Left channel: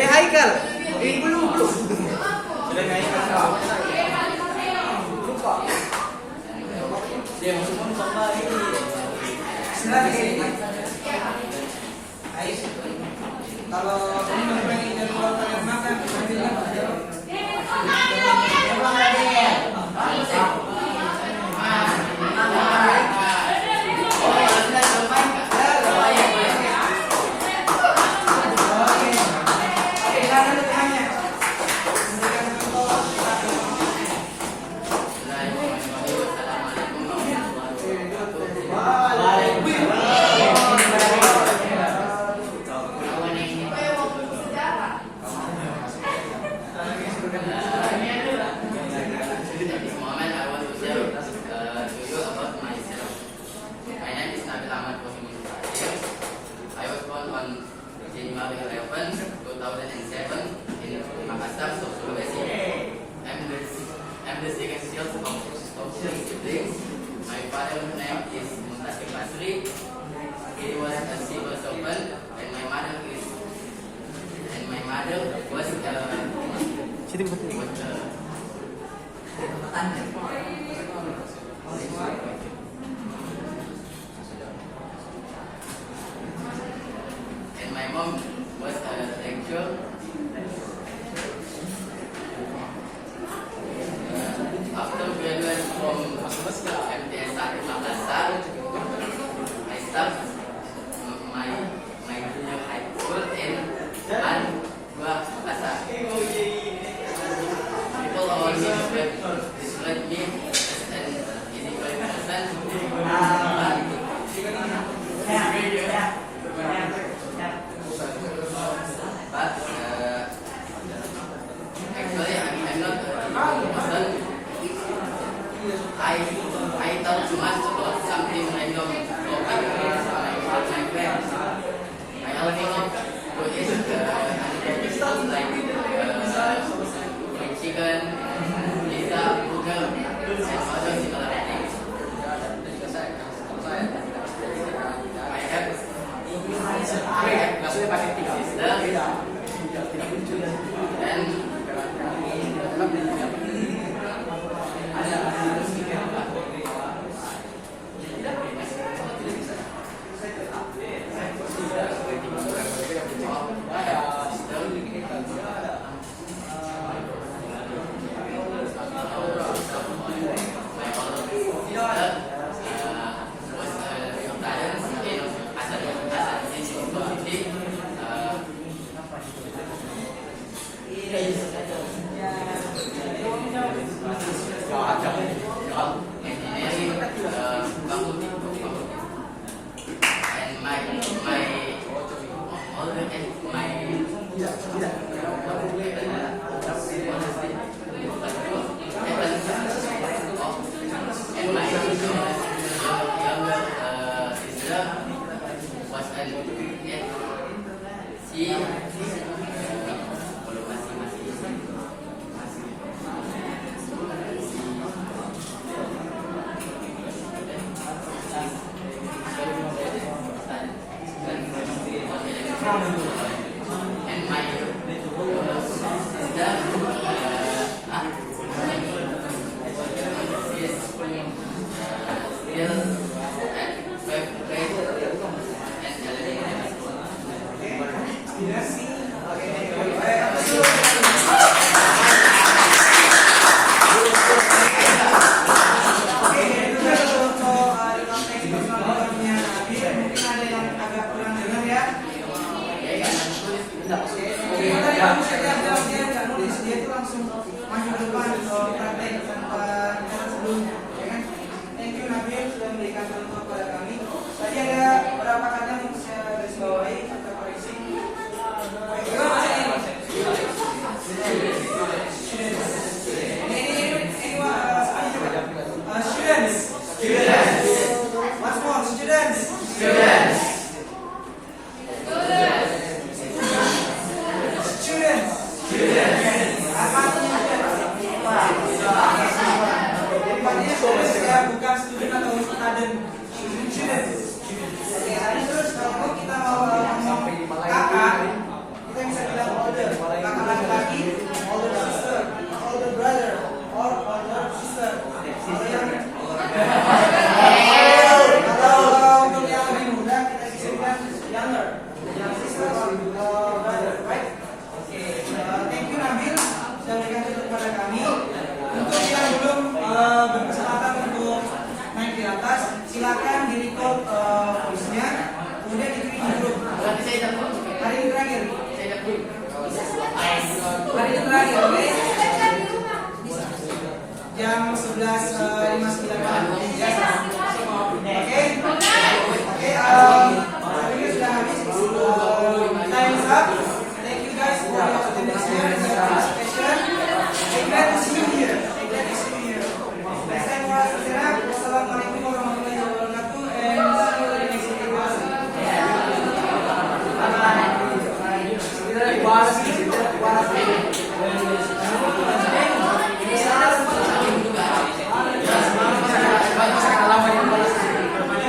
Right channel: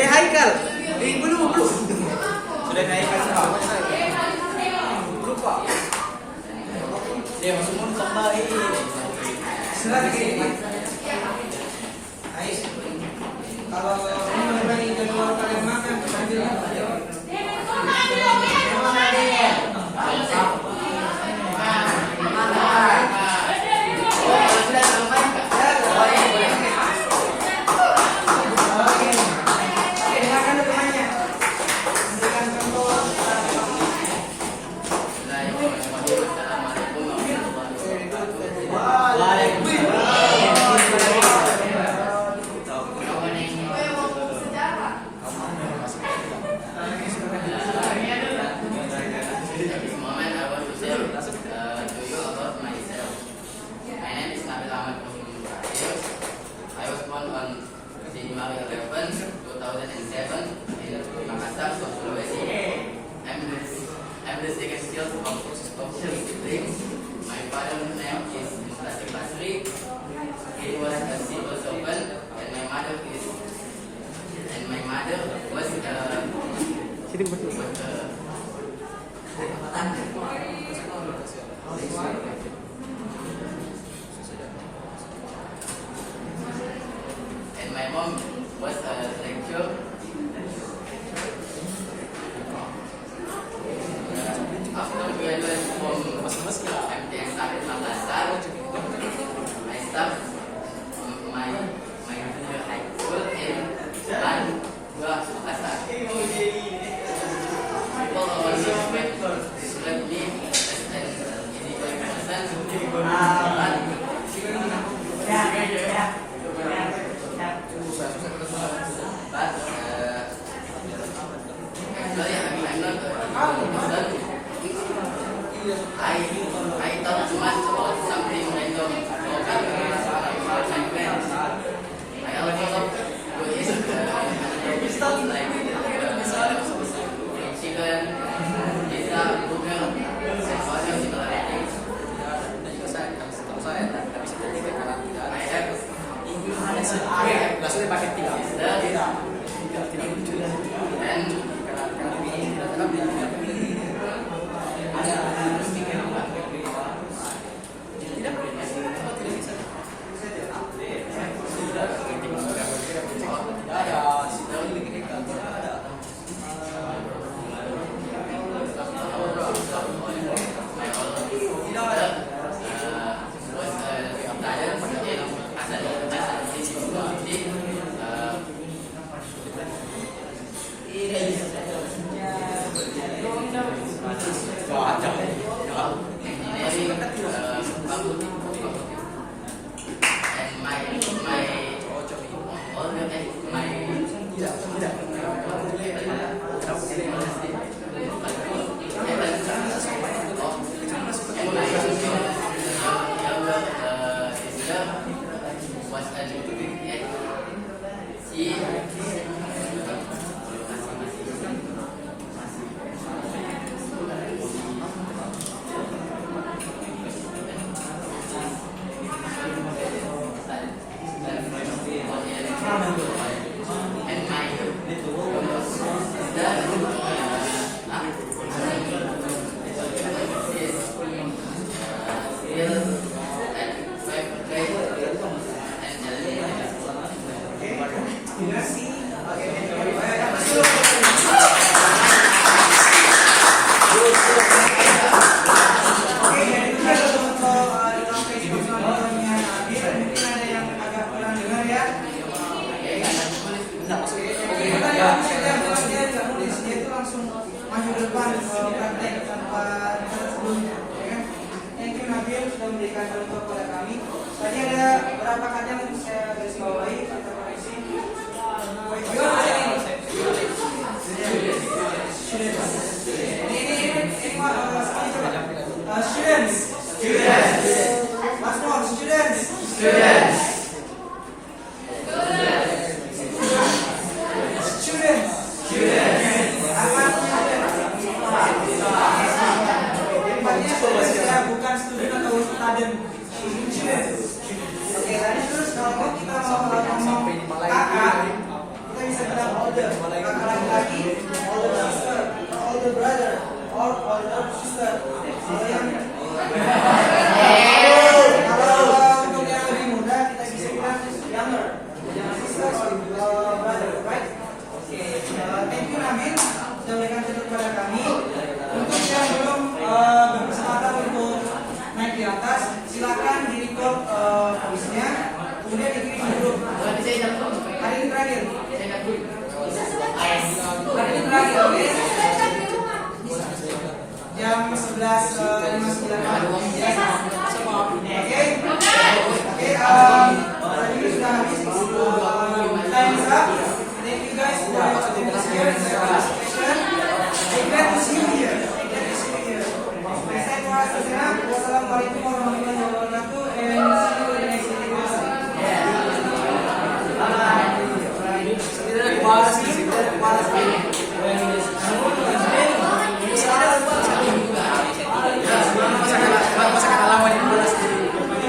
Haikal, belum. Sudah Haikal sekarang. Lupa. Dia masuk sama ini. Selagi. Ais. Kalau ini orang yang dari luar kalian makan, ambillah. January 11, 2007 in Makassar, Sulawesi. I'm the second child of 6 siblings. My father's name is Muntasir Basri. He was a civil servant, and my mother was and my mom was a lecturer. After graduating from MTS 1 Makassar, I started my junior high school in MAN 2 Makassar. People always describe me as an easygoing person, but actually I'm not a person. I talk too much about something random topic with my friends. I also love to eat other stuff like chicken, pizza, burger, and other similar things. I have still at 5th grade. kamu sedang dia nggak nulis, dia itu langsung maju ke depan praktek tanpa catat sebelumnya, ya kan? Thank you Nabil sudah memberikan contoh kepada kami. Tadi ada beberapa kata yang saya garis bawahi atau koreksi. Gimana bahasa ini? Semuanya coba. Students. Once more, students. Bukan student atau student. Oke, tadi terus kalau kita mau ngomong kakak, kita bisa bilang older. Kakak laki-laki, older sister, older brother, or older sister. Kalau untuk yang lebih muda, kita bisa bilang younger, younger sister or brother, right? Oke, thank you Nabil sudah memberikan contoh kepada kami. Untuk yang belum berkesempatan untuk naik di atas, silakan di record voice-nya, kemudian dikirim di grup. Hari ini terakhir. Hari ini terakhir, oke? Jam 11.59 biasa. Oke? Oke.